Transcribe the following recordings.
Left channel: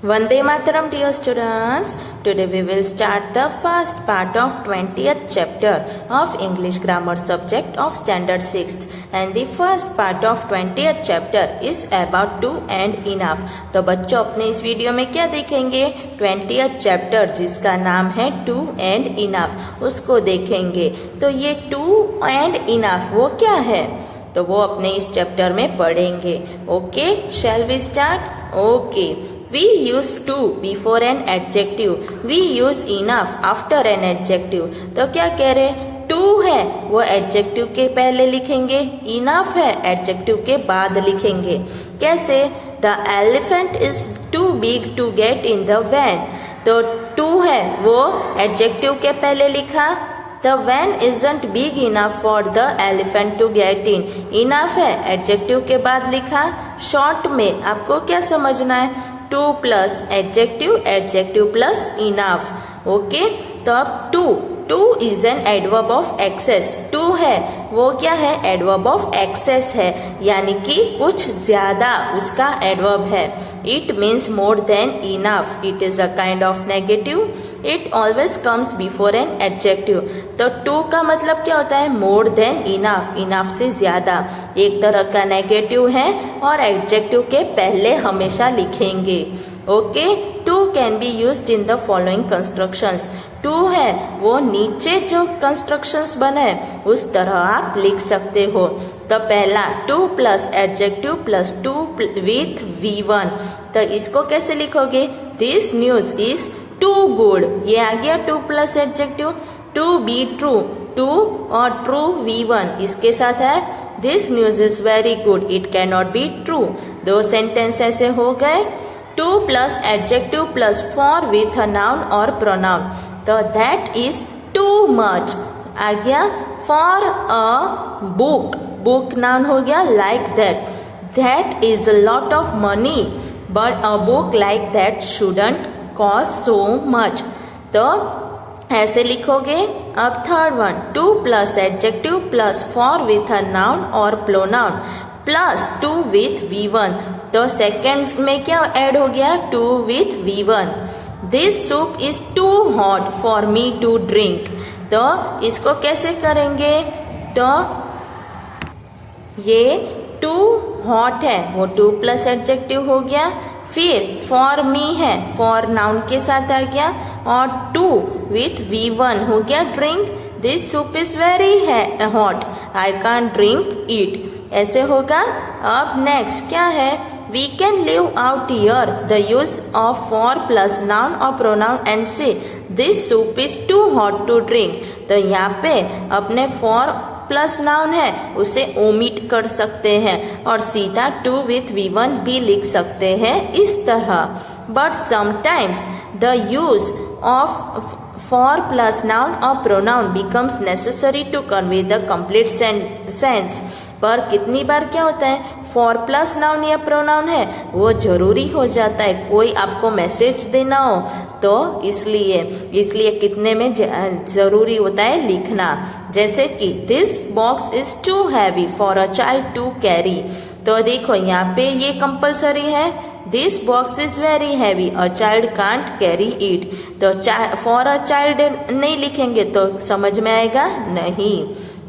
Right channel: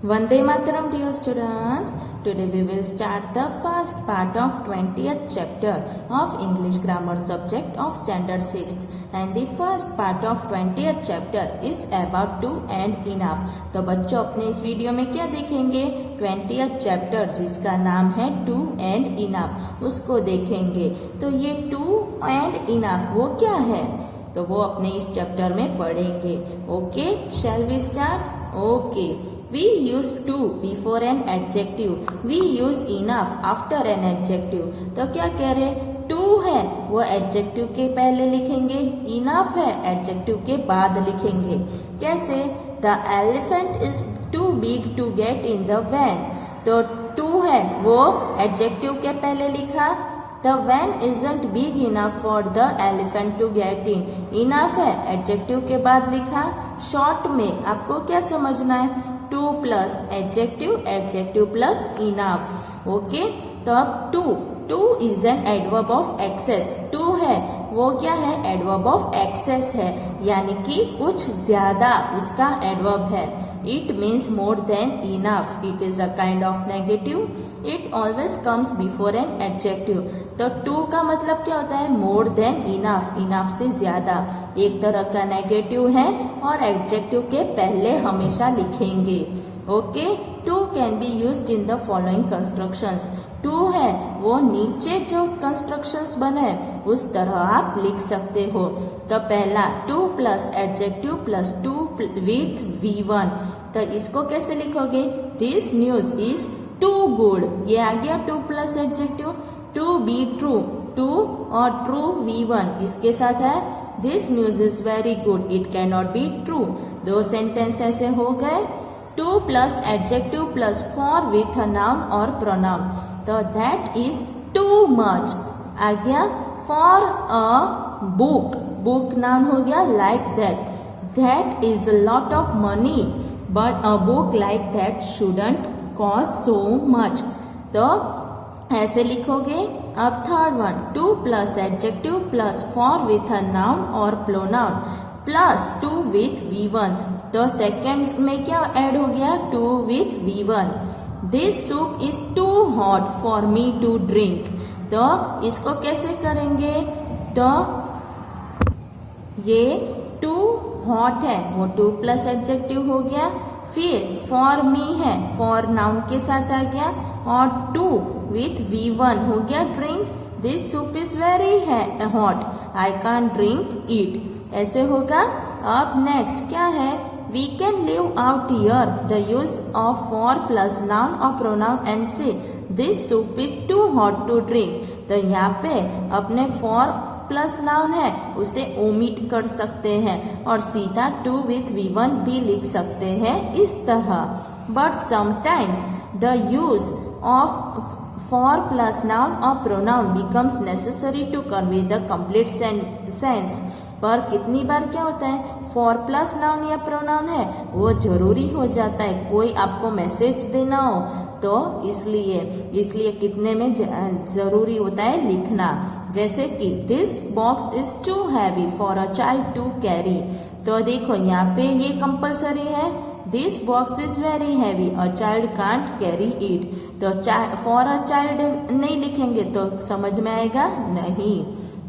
Vande Mataram, dear students. Today we will start the first part of 20th chapter of English grammar subject of standard 6th, and the first part of 20th chapter is about to and enough. तो बच्चों अपने इस video में क्या देखेंगे? 20th chapter जिसका नाम है टू एंड इनफ, उसको देखेंगे। तो ये टू एंड इनफ वो क्या है, तो वो अपने इस चैप्टर में पढ़ेंगे। Okay, shall we start? Okay, we use to before an adjective, we use enough after an adjective। तो क्या कह रहे? to है वो adjective के पहले लिखेंगे, enough है adjective के बाद लिखेंगे। कैसे? the elephant is too big to get in the van। तो to है वो adjective के पहले लिखा, the van isn't big enough for the elephant to get in। enough है adjective के बाद लिखा। short में आपको क्या समझना है? Too plus adjective, adjective plus enough. Okay, तो अब too is an adverb of excess. Too है वो क्या है? एडवर्ब ऑफ एक्सेस है, यानी कि कुछ ज्यादा उसका एडवर्ब है। It means more than enough. It is a kind of negative. It always comes before an adjective. तो टू का मतलब क्या होता है? मोर देन इनफ, इनफ से ज्यादा। एक तरह का नेगेटिव है और एडजेक्टिव के पहले हमेशा लिखेंगे। Okay, too can be used in the following constructions. Too है वो नीचे जो कंस्ट्रक्शंस बने उस तरह आप लिख सकते हो। तो पहला too plus adjective plus to with V1। तो इसको कैसे लिखोगे? This news is too good. ये आ गया too plus adjective. To be true, to और ट्रू V1 इसके साथ है this news is very good, it can not be true. दो सेंटेंस ऐसे हो गए। Too plus adjective plus for with a noun और प्रोनाउन। तो दैट इज टू मच आ गया। For a book, book noun हो गया। Like that, that is a lot of money but a book like that shouldn't cost so much. तो ऐसे लिखोगे। अब third one, too plus adjective plus for with a noun और pronoun plus to with V1। तो second में क्या add हो गया? To with V1। This soup is too hot for me to drink. तो इसको कैसे करेंगे? तो ये टू हॉट है वो टू प्लस एडजेक्टिव हो गया। फिर फॉर मी है, फॉर नाउन के साथ आ गया, और टू विथ V1 हो गया drink. This soup is very hot, I can't drink it. ऐसे होगा। अब नेक्स्ट क्या है? We can leave out here the use of for plus noun और pronoun and say this soup is too hot to drink. तो यहाँ पे अपने फॉर प्लस नाउन है उसे ओमिट कर सकते हैं और सीधा टू विथ V1 भी लिख सकते हैं इस तरह। But sometimes the use of for plus noun और pronoun becomes necessary to convey the complete sense. पर कितनी बार क्या होता है? फॉर प्लस नाउन या प्रोनाउन है वो जरूरी हो जाता है, कोई आपको मैसेज देना हो तो इसलिए कितने में जरूरी होता है लिखना। जैसे कि this box is too heavy for a child to carry. तो देखो यहाँ पे ये कंपल्सरी है। This box is very heavy, a child can't carry it. तो फॉर अ चाइल्ड नहीं लिखेंगे तो समझ में आएगा नहीं।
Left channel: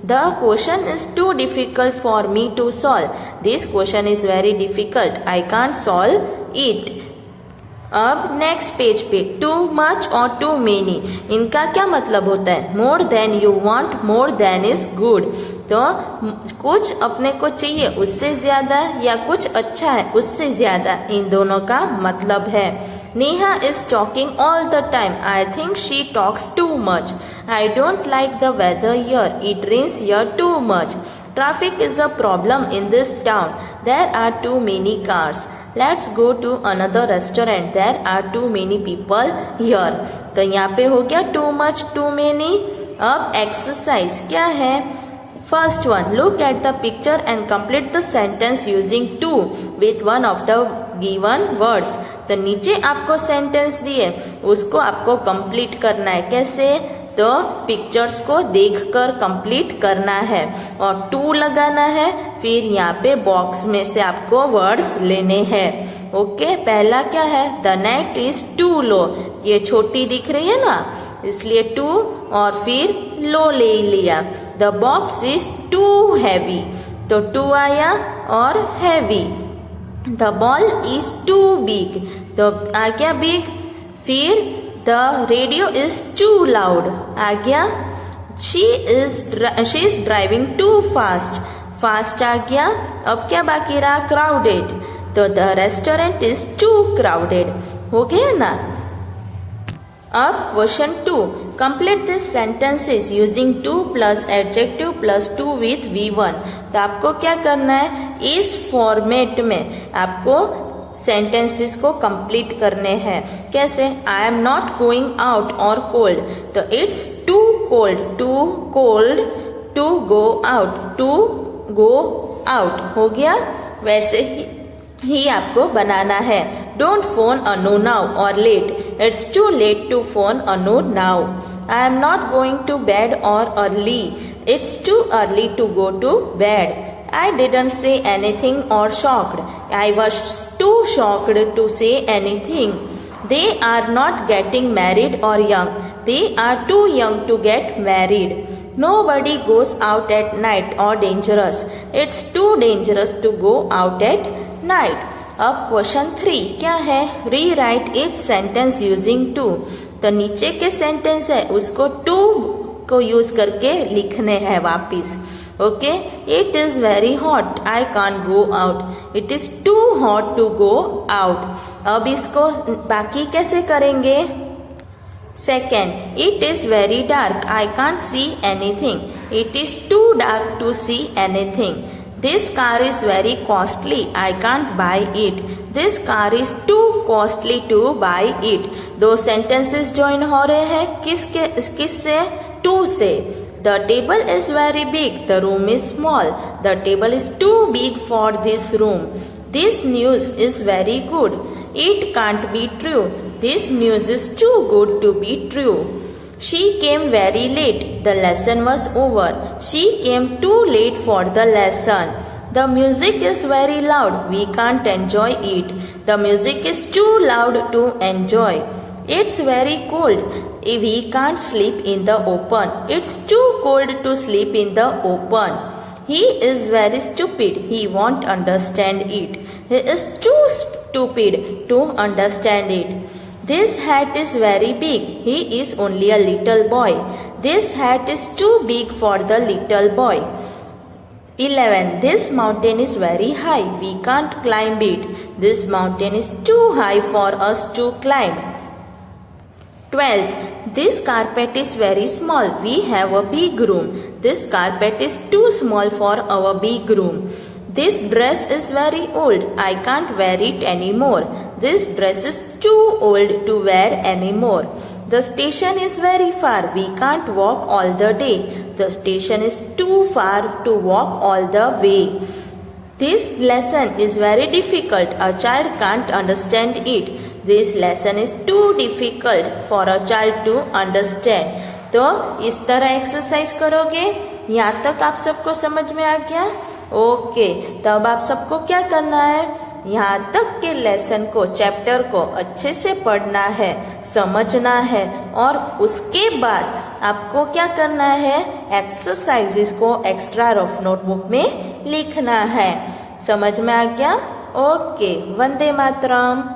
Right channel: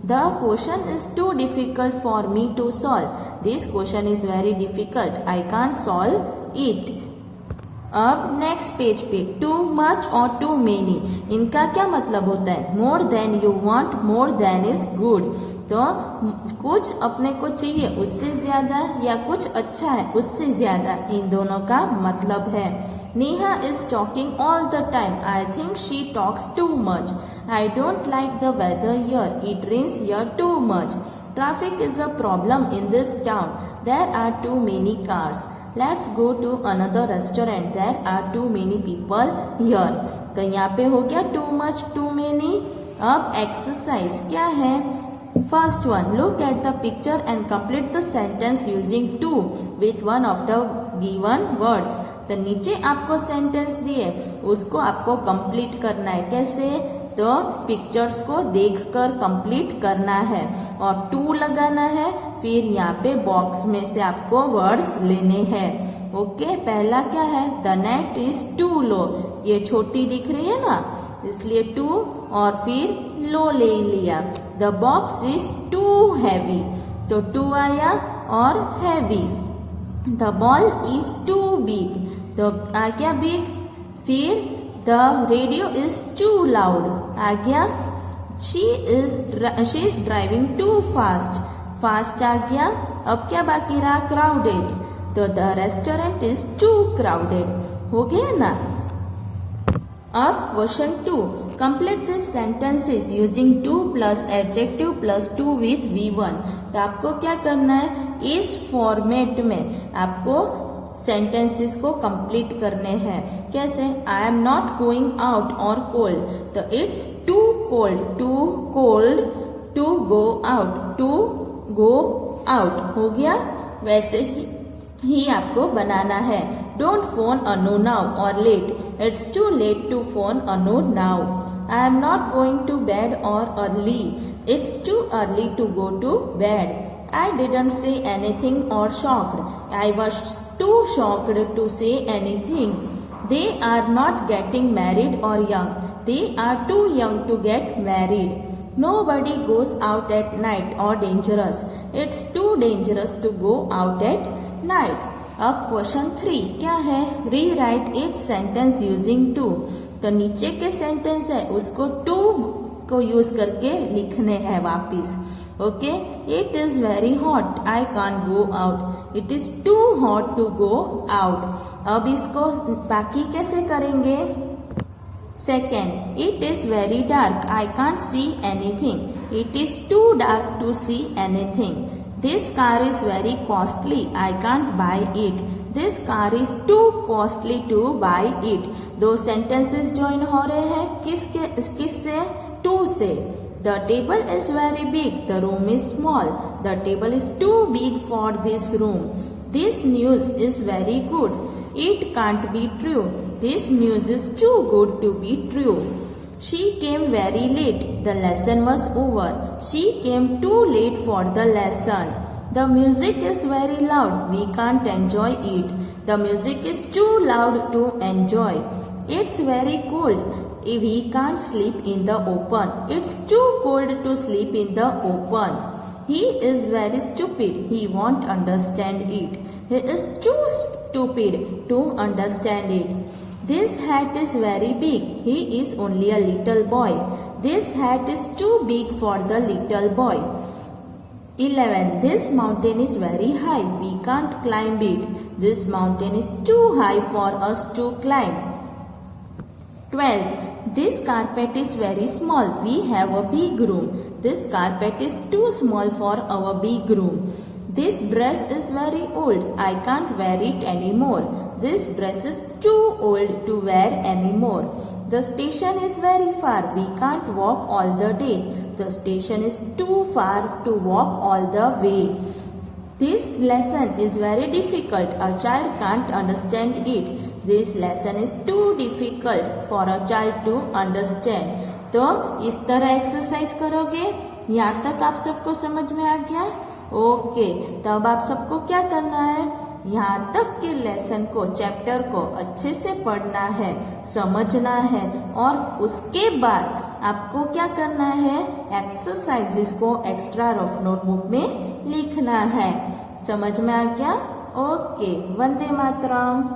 The question is too difficult for me to solve. This question is very difficult. I can't solve it. अब next page पे टू मच और टू मेनी, इनका क्या मतलब होता है? More than you want, more than is good. तो कुछ अपने को चाहिए उससे ज्यादा या कुछ अच्छा है उससे ज्यादा, इन दोनों का मतलब है। Neha is talking all the time, I think she talks too much. I don't like the weather here, it rains here too much. Traffic is a problem in this town. There are too many cars. Let's go to another restaurant. There are too many people here. तो यहाँ पे हो गया too much, too many। अब exercise क्या है? First one, look at the picture and complete the sentence using too with one of the given words. तो नीचे आपको सेंटेंस दिए उसको आपको कंप्लीट करना है। कैसे? तो पिक्चर्स को देखकर कंप्लीट करना है और टू लगाना है। फिर यहाँ पे बॉक्स में से आपको वर्ड्स लेने हैं। ओके, पहला क्या है? The night is to low, ये छोटी दिख रही है ना, इसलिए टू और फिर लो ले लिया। The box is too heavy, तो टू आया और heavy. The ball is too big, तो आ गया बिग। फिर the radio is too loud आ गया। She is driving too fast, fast आ गया। अब क्या बाकी रहा? क्राउडेड, तो the restaurant is too crowded, हो गया ना। अब question 2, complete this sentences using too plus adjective plus to with V1। तो आपको क्या करना है? इस फॉर्मेट में आपको सेंटेंसेस को कंप्लीट करने हैं। कैसे? I am not going out और कोल्ड, तो it's too cold to go out, to go out, हो गया। वैसे ही आपको बनाना है। डोंट फोन अनु नाउ और late, it's too late to phone Anu now. I am not going to bed और early, it's too early to go to bed. I didn't say anything or shocked, I was too shocked to say anything. They are not getting married or young, they are too young to get married. Nobody goes out at night or dangerous, it's too dangerous to go out at night. अब question 3 क्या है? Rewrite each sentence using too. तो नीचे के sentence है उसको to को use करके लिखने हैं वापिस। Okay, it is very hot, I can't go out, it is too hot to go out. अब इसको बाकी कैसे करेंगे? Second, it is very dark, I can't see anything, it is too dark to see anything. This car is very costly, I can't buy it, this car is too costly to buy it. दो sentences join हो रहे हैं किससे? To से। The table is very big, the room is small, the table is too big for this room. This news is very good, it can't be true, this news is too good to be true. She came very late, the lesson was over, she came too late for the lesson. The music is very loud, we can't enjoy it, the music is too loud to enjoy. It's very cold, we can't sleep in the open, it's too cold to sleep in the open. He is very stupid, he won't understand it, he is too stupid to understand it. This hat is very big, he is only a little boy, this hat is too big for the little boy. 11. This mountain is very high, we can't climb it, this mountain is too high for us to climb. 12th, this carpet is very small, we have a big room, this carpet is too small for our big room. This dress is very old, I can't wear it anymore, this dress is too old to wear anymore. The station is very far, we can't walk all the day, the station is too far to walk all the way. This lesson is very difficult, a child can't understand it, this lesson is too difficult for a child to understand. तो इस तरह exercise करोगे। यहाँ तक आप सबको समझ में आ गया? ओके, तब आप सबको क्या करना है? यहाँ तक के लेसन को, चैप्टर को अच्छे से पढ़ना है, समझना है और उसके बाद आपको क्या करना है? एक्सरसाइजेस को एक्स्ट्रा रफ नोटबुक में लिखना है। समझ में आ गया? ओके, वंदे मातरम।